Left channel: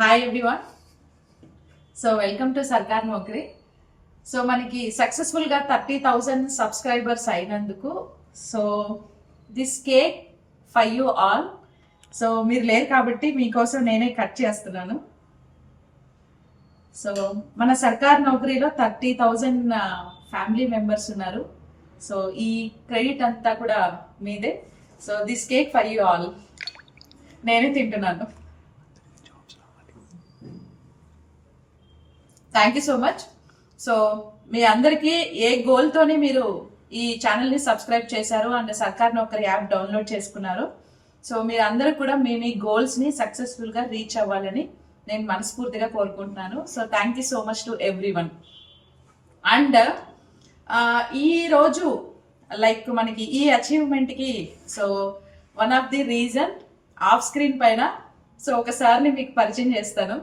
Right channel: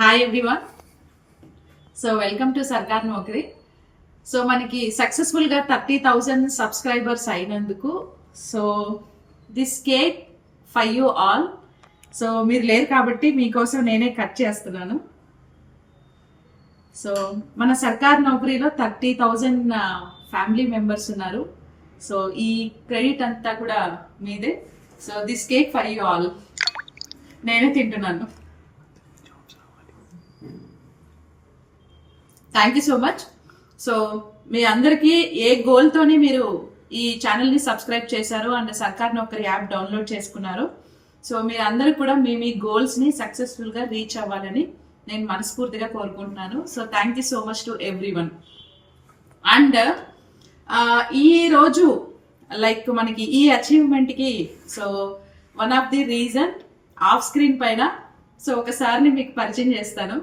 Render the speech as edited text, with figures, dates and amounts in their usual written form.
Hi everyone. So welcome to సర్కార్ నౌకరీ. So మనకి సక్సెస్ఫుల్గా 30,000 సబ్స్క్రైబర్స్ అయినందుకు so this cake for you all. So మీరు లేరు కాబట్టి మీకోసం నేనే కట్ చేస్తున్నాను. సో మన సర్కార్ నౌకరీలో 30,000 ఫ్యామిలీ మెంబర్స్ ఉన్నారు. సో ఈ క్రెడిట్ అంతా కూడా మీదే. So this cake for you all. నేనే తింటున్నాను. Thank you so much. So మీ అందరికీ ఏ గోల్తోని మీరు ఈ ఛానల్ని సబ్స్క్రైబ్ చేశారు అండ్ సర్కార్ నౌకరీ యాప్ డౌన్లోడ్ చేసుకున్నారు. సో మీరు అందరూ కూడా మీ గోల్స్ని సక్సెస్ఫుల్గా రీచ్ అవ్వాలని నేను మనస్ఫూర్తిగా కోరుకుంటున్నాను. So thank you so much to everyone. And ఈరోజు లైక్ మనకి ఈ అచీవ్మెంట్కి so one of the reason of screen పైన సో ఒకసారి మీకు పరిచయం చేస్తాను.